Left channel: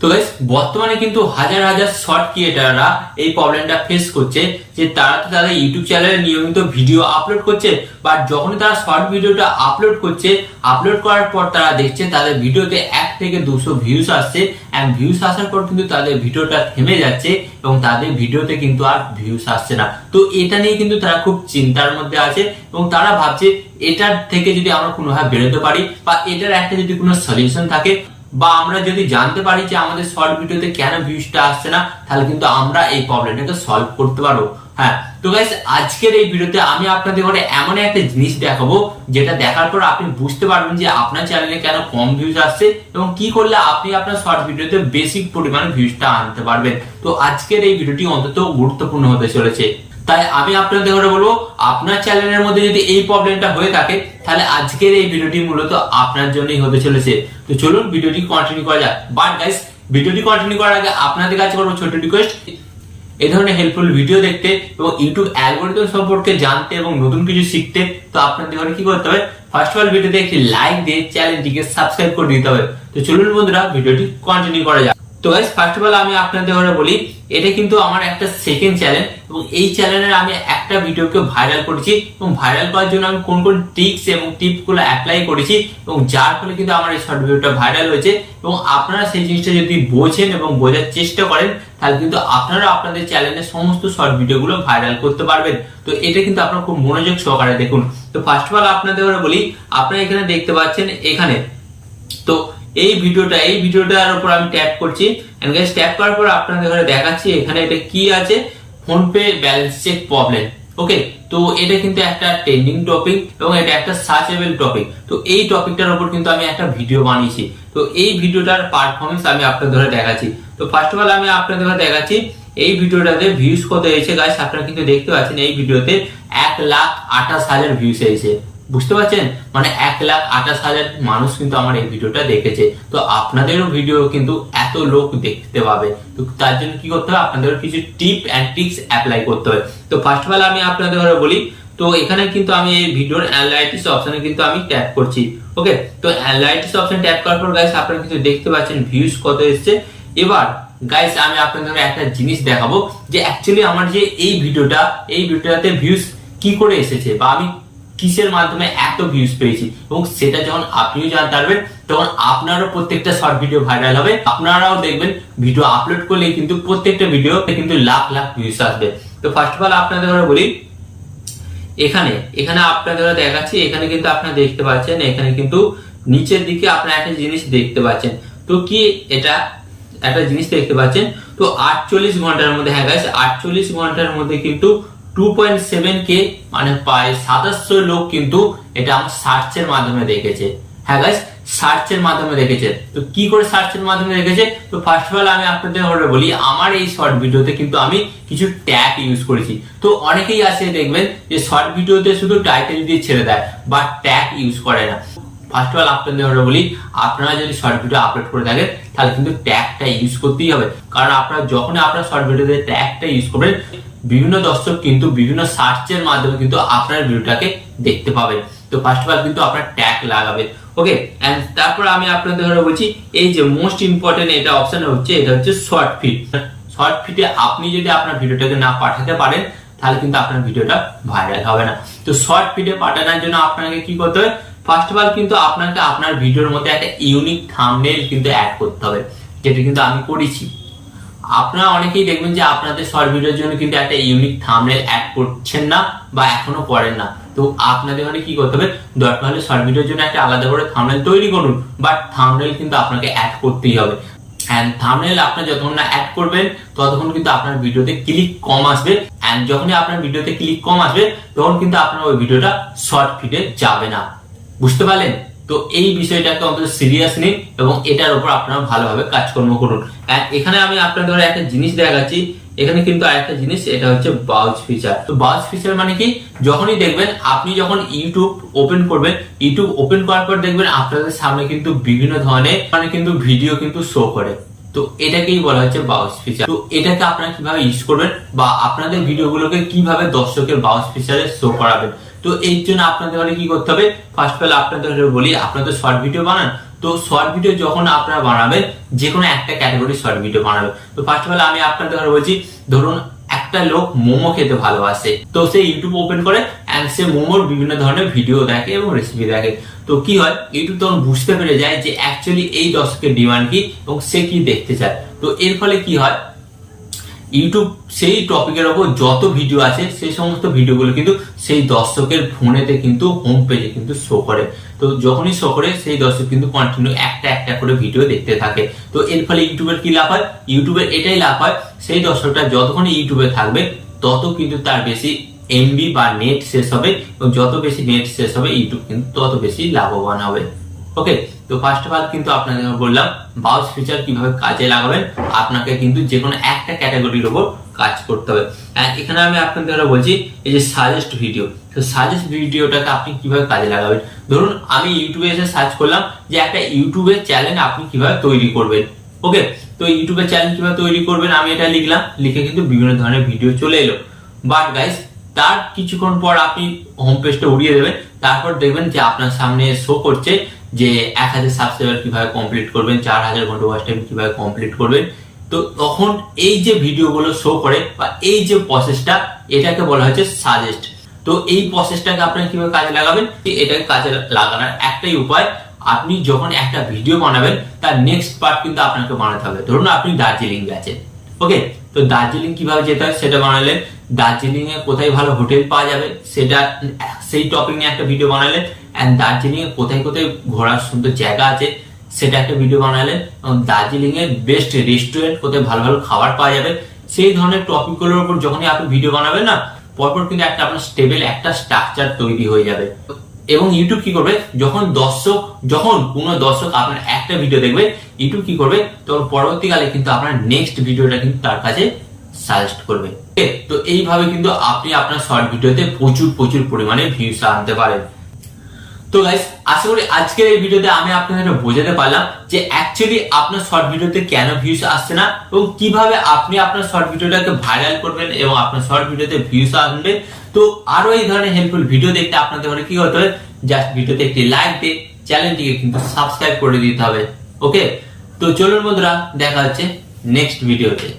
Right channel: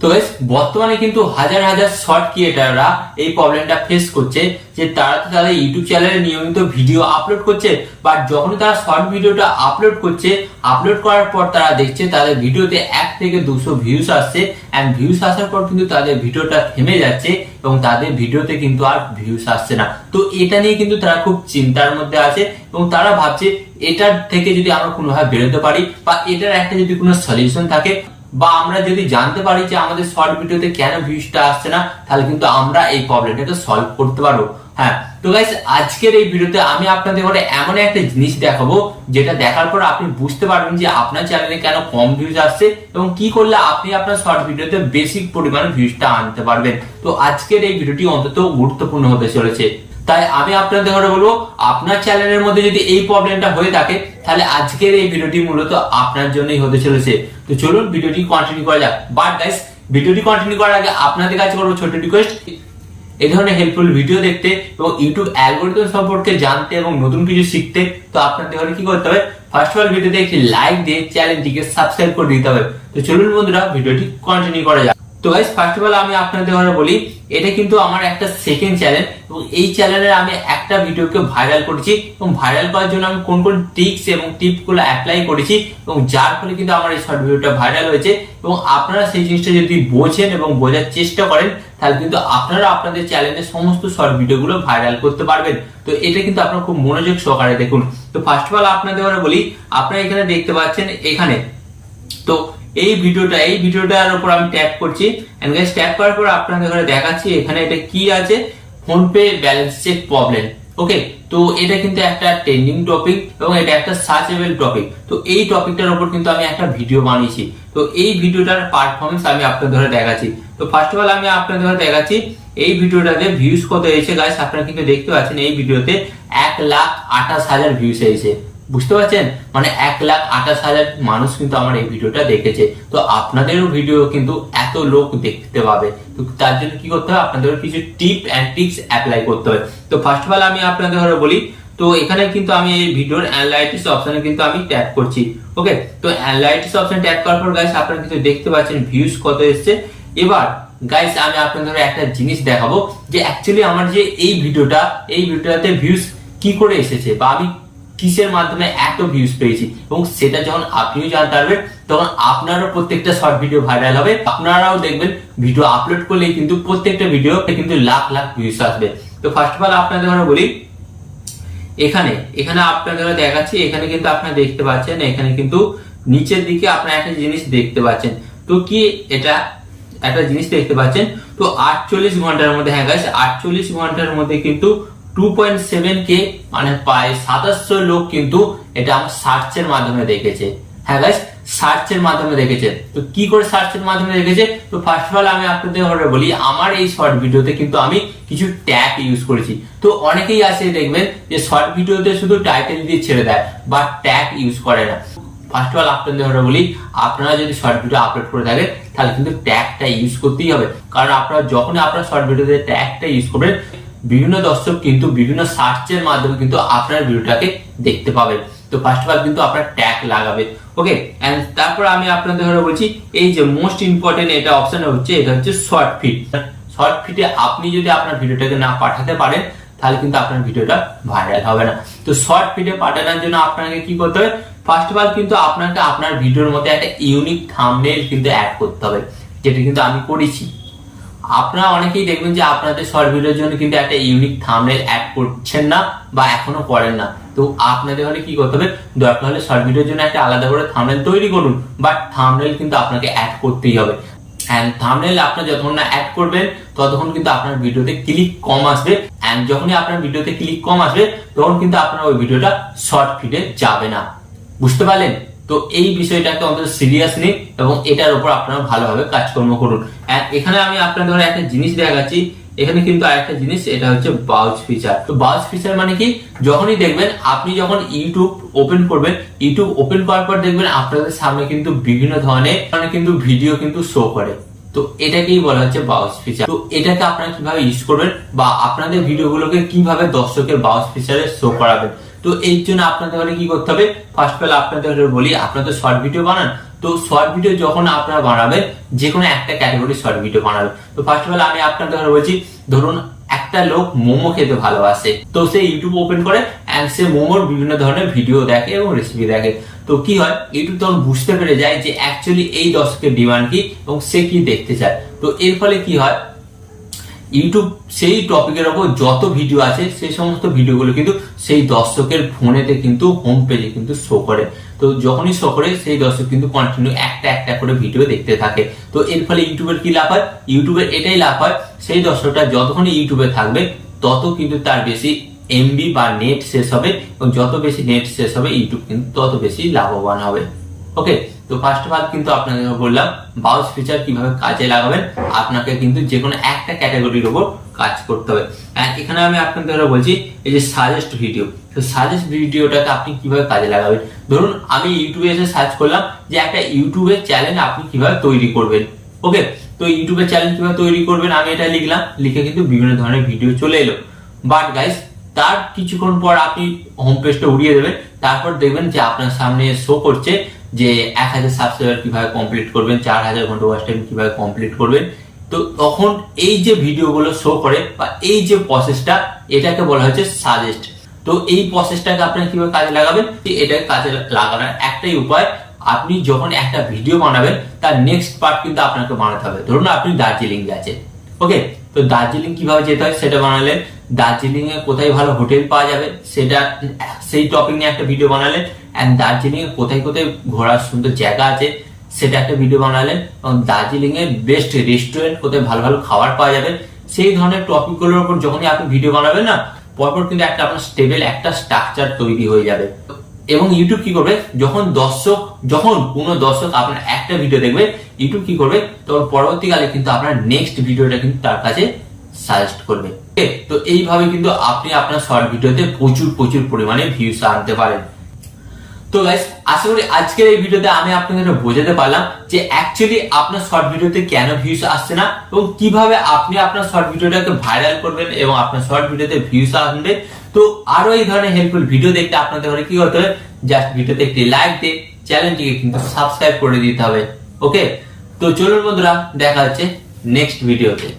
তো গাইস বর্তমানে কিন্তু হাজার হাজার শর্ট ক্রিয়েটাররা এই প্রবলেমটা ফেস করছে যে তারা তো তাদের ইউটিউব চ্যানেলে নিয়মিত ভিডিও আপলোড করছে, বাট যখনই তারা শর্ট ভিডিওটা আপলোড করছে, আপলোড করার পর তারা দেখছে তাদের ভিডিওতে 1 থেকে 200 ভিউজ আসছে, এন্ড ভিউজ আসার পর কিন্তু তাদের ভিডিওটা থেমে যাচ্ছে এবং তাদের ভিডিওতে কিন্তু আর ভিউজ আসছে না। তো এটা নিয়ে কিন্তু তারা খুব চিন্তার মধ্যে আছে এবং তারা ভাবছে এটার থেকে যদি আমরা কোনোভাবে বেরোতে পারি বা এটার একটা যদি কোনো সলিউশন থাকে বা আমরা যদি জানতে পারি যে আমাদের শর্ট ভিডিওতে কেন ভিউজটা আসছে না, তাহলে কিন্তু আমরা এই প্রবলেমটাকে সলভ করতে পারবো। হ্যাঁ, তো গাইস আজকের এই ভিডিওতে আমি আপনাদের ঘরে এমন একটা জিনিস দেখাবো যেটা দেখার পর আপনি বুঝতে পারবেন যে আপনার চ্যানেলে কেন কম ভিউজ আসছে এবং কি করলে আপনি আপনার শর্ট ভিডিওতে বেশি পরিমাণে ভিউজটা আনতে পারবেন। তো আজকের এই ভিডিওটি অন্তত গুরুত্বপূর্ণ হতে চলেছে, তাই আমি আপনাদের ঘরে বলবো আপনার চ্যানেলের মধ্যে যদি এই প্রবলেমটা হয়ে থাকে তাহলে আজকের এই ভিডিওটি মূলত আপনার জন্যই হতে চলেছে। তো চলুন ভিডিওটি কন্টিনিউ করা যাক। বাট গাইস ভিডিওটি কন্টিনিউ করার আগে আপনাদের কাছে করবো ছোট রিকোয়েস্ট, এই ধরনের হেল্পফুল ভিডিও দেখতে এবং ইউটিউব অ্যালগরিদম সম্পর্কে জানতে এবং নতুন কিছু শিখতে তো আপনাদের ঘরে কি করতে হবে, ফার্স্ট অফ অল ভিডিওতে একটি লাইক দিয়ে চ্যানেলটিকে সাবস্ক্রাইব করে দিতে হবে। তো চলুন বন্ধুরা ভিডিওটি কন্টিনিউ করা যাক। তো গাইস ফার্স্ট অফ অল আমি আপনাদের ঘরে বলি এটা কিন্তু আমার একটা সেকেন্ড চ্যানেল এবং এই চ্যানেলে আমি একটা ভিডিওকে ভাইরাল করেছি এবং ভাইরাল করার জন্য আমি কোন কোন ট্রিক্স এবং টিপগুলো অ্যাপ্লাই করেছি এবং যার ফলে কিন্তু আমার এই শর্ট ভিডিওটা ভাইরাল হয়েছে এবং আপনারা সেই জিনিসটা যদি বোঝেন এবং বোঝার চেষ্টা করেন তাহলে কিন্তু আপনারা আপনাদের চ্যানেলে সমস্ত শর্ট ভিডিওগুলো ভাইরাল করতে পারবেন। তো এটা কিন্তু আপনারা খুব মনোযোগ সহকারে দেখুন। তো ফার্স্ট অফ অল আপনাদের ঘরে বলি আপনারা এখানে দেখতে পাচ্ছেন এখানে তো এই ভিডিওটার উপর আমি ট্যাপ করছি এন্ড গাইস ট্যাপ করার পর আপনাদের ঘরে দেখাচ্ছি এখানে এটা কি আছে, PhonePe balance check problem. Okay, তো এটা কিন্তু একটা ট্রেন্ডিং টপিক এবং এটা একটা সার্চেবল টপিক। তো এই টপিকটার উপর কিন্তু আমি একটা ভিডিও বানিয়েছি। তো এই ভিডিওটার পারফরমেন্স আমি আপনাদের ঘরে দেখাচ্ছি। তো ফার্স্ট অফ অল আমি আপনাদের ঘরে দেখাচ্ছি এই ভিডিওটাতে ভিউজ কত হয়েছে। গাইস আপনারা কিন্তু দেখতে পাচ্ছেন এই ভিডিওতে 1,28,000 ভিউজ হয়েছে। বুঝতে পারছেন, মানে 1,28,000 মানুষ কিন্তু আমার এই ভিডিওটা দেখেছে। তো আপনাদেরও ভিডিও কিন্তু এত লোক দেখতে পাবে। তো তার জন্য কি করতে হবে, আপনাদের কিছু টিপ এন্ড ট্রিক্স অ্যাপ্লাই করতে হবে। তো ফার্স্ট অফ অল আমি আপনাদের ঘরে বলি তো এখানে কিন্তু আমি এই ভিডিওর অ্যানালাইটিক্স অপশনে কিন্তু আমি ট্যাপ করছি। ওকে, তো অ্যানালাইটিক্স অপশন ট্যাপ করার পর গাইস আপনারা কিন্তু দেখতে পাচ্ছেন ভিউজ কত এসেছে। এবার গাইস আমি আপনাদের একটা জিনিস দেখাবো যে অ্যাকচুয়ালি আমার যে এই ভিডিওটাতে ভিউজ কি করে এসেছে বা আমি কিসের মাধ্যমে এত ভিউজ পেয়েছি এবং সেটা যখন আপনিও জানতে পারবেন তখন আপনারও প্রত্যেকটা শর্ট ভিডিও ভাইরাল হবে। আপনারাও দেখবেন ভিডিও আপলোড করলে কিন্তু প্রত্যেকটা ভিডিও কিন্তু লাখ লাখ ভিউজ আসবে। তো ফার্স্ট অফ অল আপনাদের ঘরে বলি এখানে আপনাদের ঘরে দেখাচ্ছি এখানে কিন্তু আপনারা দেখতে পাচ্ছেন এখানে কিন্তু নিচের দিকে আপনারা একটা জিনিস দেখতে পাচ্ছেন। তো কি এটা একটা জিনিস দেখতে পাচ্ছেন তো 48 ঘন্টার মধ্যে, হ্যাঁ গাইস 48 ঘন্টার মধ্যে কিন্তু 2.7K মানে প্রায় 2700 লোক কিন্তু এটা আমার সার্চের মাধ্যমে দেখেছে। হ্যাঁ গাইস সার্চের মাধ্যমে দেখেছে। তো কি করে সার্চের মাধ্যমে দেখেছে, তো ফার্স্ট অফ অল আমি আপনাদের বলি আমার এই শর্ট ভিডিওতে কিন্তু আমি কিছু ট্যাগ ইউজ করেছি। তো অনেকেই আছে দেখবেন যে শর্ট ভিডিওতে শুধু টাইটেল দিয়ে ছেড়ে দেয় বা ট্যাগ ইউজ করে না। ফার্স্ট অফ অল আপনাদের বলি আপনারা যদি শর্ট ভিডিও আপলোড করে থাকেন তাহলে কিন্তু ট্যাগটা ইউজ করতেই হবে, কারণ আপনারা যখনই আপনার শর্ট ভিডিওতে ট্যাগটা ইউজ করবেন বিভিন্ন দর্শক কিন্তু বিভিন্ন সার্চের মাধ্যমে কিন্তু আপনার ভিডিওটাকে দেখতে পাবে। তো ফার্স্ট অফ অল কিন্তু আপনার ট্যাগ লাগাবেন। ওকে, এন্ড তারপর আমি আপনাদের ঘরে বলছি এই যে মোস্ট ইম্পর্টেন্ট এটা অপশন হচ্ছে এটা হচ্ছে শর্ট ফিড। শর্ট ফিডে আপনি যদি আপনার ভিডিওটাকে না পাঠাতে পারেন তাহলে কিন্তু আপনার ভিডিওটা ভাইরাল হবে না। তো শর্ট ফিডে পাঠানোর জন্য আপনাকে কি করতে হবে, ফার্স্ট অফ অল কিন্তু আপনাকে আপনার ভিডিওর মধ্যে একটা ইউনিক থাম্বনেল কিন্তু অ্যাড করতে হবে, যেটা কিন্তু আমি করেছি। আপনারা অনেকেই দেখবেন যে আপনাদের শর্ট ভিডিওর জন্য কিন্তু একটা ইউনিক থাম্বনেল অ্যাড করছেন না বা এখনো করেন না। তো আপনাদের ঘরে কি করতে হবে, দরকার হলে শর্ট ভিডিওর জন্য একটা আলাদা করে থাম্বনেল তৈরি করুন, বাট থাম্বনেল কিন্তু আপনাকে অ্যাড করতেই হবে। এন্ড থাম্বনেল আপনি যতক্ষণ না অ্যাড করবেন ততক্ষণ কিন্তু আপনার ভিডিওতে ক্লিক কম আসবে, এন্ড যখনই আপনার ভিডিওতে ক্লিক কম আসবে তখন কিন্তু আপনার ওই ভিডিওটা শর্ট ফিডে যাবে না। বুঝতে পারলেন? তো এই বিষয়টাকে অন্তত সিরিয়াস নিন এবং এটার উপর আপনারা ভালোভাবে কাজকর্ম করুন। এখানে আমি আপনাদের একটা জিনিস দেখাচ্ছি, এখানে কিন্তু আরেকটা জিনিস এটা হচ্ছে বাউজ ফিচার। তো বাউজ ফিচার মানে কি, যখনই দেখবেন আপনি যখন ইউটিউব ওপেন করবেন, ইউটিউব ওপেন করার পর দেখবেন আপনাদের সামনে কিন্তু বিভিন্ন ধরনের কিন্তু ভিডিও কিন্তু শো করে। তো এটাকেই বলা হচ্ছে বাউজ ফিচার। তো এটাকে আপনারা কিভাবে ইউজ করবেন বা আপনাদের ভিডিওগুলোকে কিভাবে দর্শকের বাউজ ফিচারে শো করাবেন, তো এই জন্য আপনাদের কি করতে হবে, ফার্স্ট অফ অল আপনাদের বলি আপনারা তো শর্ট ভিডিও বানান, তো শর্ট ভিডিও যখন আপনারা বানাবেন, যে কোনো একটা ক্যাটাগরি শর্ট ভিডিও বানাবেন। তো ফার্স্ট অফ অল আমি আপনাদের বলছি, ধরুন একটা লোক মোমো খেতে ভালোবাসে, তো সে ইউটিউব ওপেন করে এন্ড সে মোমোর বিভিন্ন ধরনের ভিডিও দেখে এবং রেসিপি দেখে। তো কি হয়, ইউটিউব তখন বুঝতে পেরে যায় যে অ্যাকচুয়ালি এই দর্শকের ডিমান্ড কি এবং সে কি দেখতে চায়। তো এর ফলে কি হয়, ইউটিউব সেই টপিকের ওপর যত ভিডিও আছে সেই সমস্ত ভিডিওগুলো কিন্তু সেই দর্শকের ফোনেতে কিন্তু হোম পেজে কিন্তু শো করে। তো যখনই শো করে সেই দর্শক কিন্তু কন্টিনিউ একটা করে ভিডিও দেখতে থাকে। তো এর ফলে ইউটিউবের কি লাভ হয়, ইউটিউবের এটাই লাভ হয়, সেই দর্শকটা যতক্ষণই ইউটিউবে থাকবে তত কিন্তু তার বেশি এমবি বা নেট শেষ হবে, এবং যত বেশি নেট শেষ হবে ইউটিউব কিন্তু তত বেশি লাভবান হবে। ওকে, তো ফার্স্ট অফ অল কিন্তু আপনাদের বললাম ব্রাউজ ফিচার কিভাবে কাজে লাগাবেন। আপনাকে কিন্তু যে কোনো একটা ক্যাটাগরির উপর কাজ করতে হবে। এখানে আমি আপনাদের বলছি এই যে সাজেস্ট ভিডিও, তো সাজেস্ট ভিডিওটাকে আপনি কিভাবে কাজে লাগাবেন। ধরুন আমি ইউটিউবে এসে সার্চ করলাম যে একটা ইউটিউবের চ্যানেল আপনি কিভাবে তৈরি করবেন। ওকে, তো ইউটিউবের চ্যানেল কিভাবে তৈরি করবেন আমি এটা লিখলাম, লিখে কিন্তু বিভিন্ন ধরনের ভিডিও চলে এলো। বাট গাইস, তার কিছুক্ষণ পর আপনি হোম পেজটা উড়িয়ে দেবেন, তারপর দেখবেন যে আপনার সামনে শো করছে যে 1000 সাবস্ক্রাইবার কিভাবে কমপ্লিট করবেন, 4000 ঘন্টা ওয়াচ টাইম কিভাবে কমপ্লিট করবেন। তো তখন এই যে ভিডিওগুলো শো করে বা এই যে প্রসেসটা, এটাকে বলা হচ্ছে সাজেস্ট। তো এই প্রসেসটাকে আপনি কিভাবে কাজে লাগাবেন, এটাকে কাজে লাগানোর একটাই উপায়, আপনি যখন একটা ভিডিও বানাবেন তার নেক্সট পার্ট কিন্তু আপনাকে বানাতে হবে। ধরুন আপনি দার্জিলিং গেছেন, ওকে, তো দার্জিলিং কিভাবে যেতে হয় সেটা বানালেন, দার্জিলিং এ কোথায় ভালো হোটেল পাওয়া যাবে সেটা, সেই টপিক নিয়ে একটা ভিডিও বানালেন, এন্ড দার্জিলিং এ কোথায় কোথায় ঘোরার সুন্দর জায়গা আছে সেটা একটা ভিডিও বানালেন, এবং দার্জিলিং এর বেস্ট রেস্টুরেন্ট কোথায় ভালো ভালো খাবার পাওয়া যাবে, সেই ধরনের টপিকগুলোর উপর যখনই আপনি ভিডিও বানাবেন না, পরপর কিন্তু একটা আপনার স্টেবল একটা স্ট্রাকচার তৈরি হয়ে যাবে। এবং ইউটিউব কি করবে, যখন কোনো দর্শক আপনার একটা ভিডিও দেখবে, ইউটিউব কি করবে, তখন পরবর্তীকালে কিন্তু আপনার নেক্সট ভিডিওটা কিন্তু তার কাছে সাজেস্ট করবে। তো এইভাবে কিন্তু আপনি আপনার শর্ট ভিডিওতে প্রচুর পরিমাণে ভিউজ আনতে পারেন। তো গাইস, আশা করি আজকের এই ভিডিওতে আমি আপনাদের বোঝাতে পারলাম যে অ্যাকচুয়ালি আপনার শর্ট ভিডিওতে কেন ভিউজ আসছে না, এবং কিভাবে আপনি আপনার শর্ট ভিডিওটাকে ভাইরাল করবেন এবং আপনার শর্ট ভিডিওতে ভিউজ আসবে। তো আরো এই ধরনের হেল্পফুল ভিডিও দেখতে আপনাদের কি হতে হবে, জাস্ট ভিডিওতে একটি লাইক দিয়ে চ্যানেলটিকে কিন্তু সাবস্ক্রাইব করে দিতে হবে। ওকে, তো চলুন বন্ধুরা, দেখা হচ্ছে নেক্সট ভিডিওতে।